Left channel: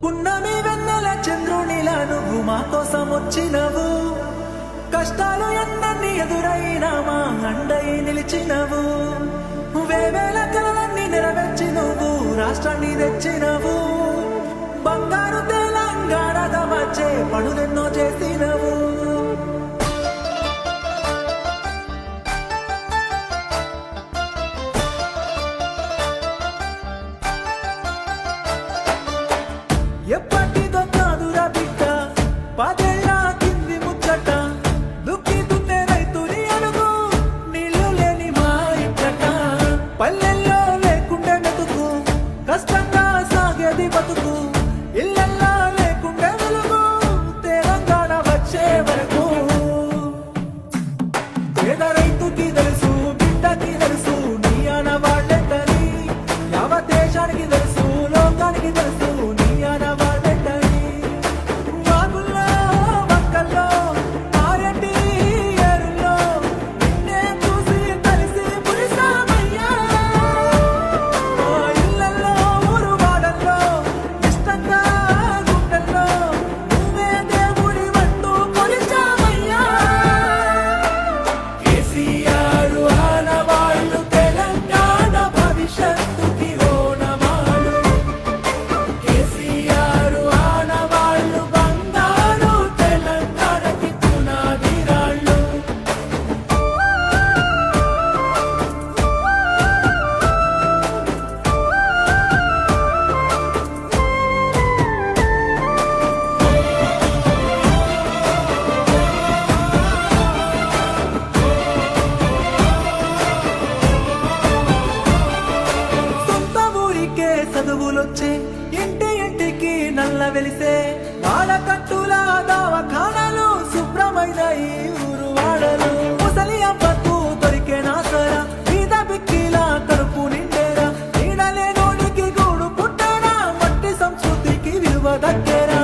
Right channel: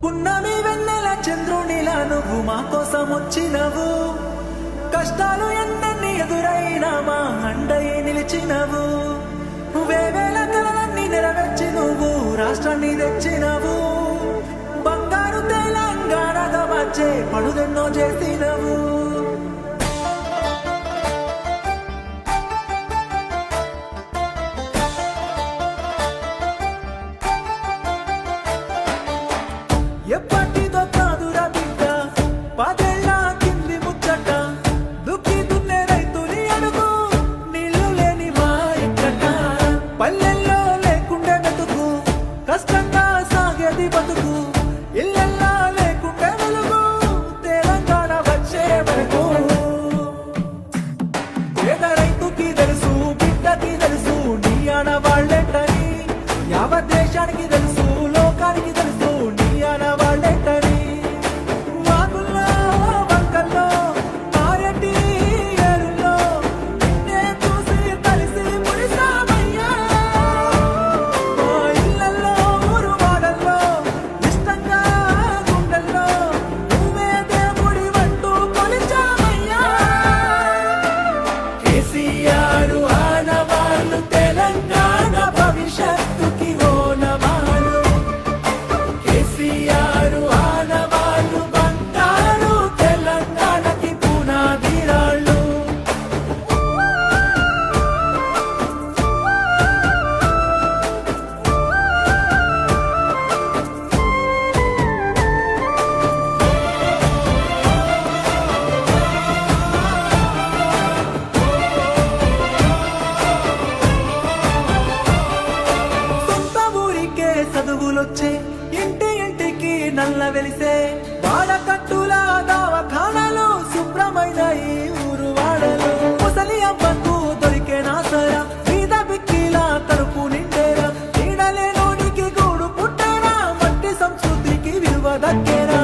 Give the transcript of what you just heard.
పున్నమి వెన్నెల చంద్రునిలా నువ్వు మా కోసం వచ్చినవు, కష్టాలు ఎన్నన్ని ఎదురైనా మా అండయి నిలిచినవు, వేవేల కలలన్నీ నెరవేర్చి నువ్వు రాష్ట్రాన్ని తెచ్చినవు, బంగారు తెలంగాణగా వచ్చే పనులెన్నో చేసినవు. ఎప్పటిదో కాదురా బిడ్డ పదేళ్ళ కింది ముచ్చట, దుక్కి దున్నే రైతుని అడుగు నీళ్లు లేని మా ఇక్కట, పల్లెల్లో లేకుండే మెతుకు కష్టంగా సాగేది బతుకు, ఇళ్ళల్లా లేకుండే వెలుగు తెలంగాణ వచ్చే వరకు. పేద రైతుకి తెలుసు, బిడ్డకి తెలుసు, నీ ఆనవాళ్లే కని, యావత్ దేశానికి తెలుసు, లోకానికి తెలుసు నీ ఆనవాళ్లే కని. వాగుల్లో వంకల్లో మారెడ్డి ఏరుల్లో నిన్నే చూసి కలిసి మురిసామయ్యా, మా ఇళ్ళల్లో ఊరు వాడల్లో ఇష్టంగా గుండెల్లో నువ్వే దేవుడి వంటూ కొలిచామయ్యా. కేసీఆర్ ఆనవాళ్లు తెలంగాణ భవిష్యత్తుకి ఓనవాడు, కేసీఆర్ ఆనవాళ్లు బంగారు తెలంగాణకి పునాదిరాళ్ళు. సొంత ఊరికే చదువులొచ్చే, ఇంటి ఇంటికి నల్ల వెలిసే, వాడకట్టుల దవాఖానాలు శుభ్రమైన ఈ ఊరు వాడలు, ముసలి అవ్వకు దొరికే నాసరా, బీద బిక్కిలా కడుపు నిండేరా, నీడలే నోడికి గూడు పుట్టేరా, మట్టి సంస్కృతికి విలువ దక్కేరా.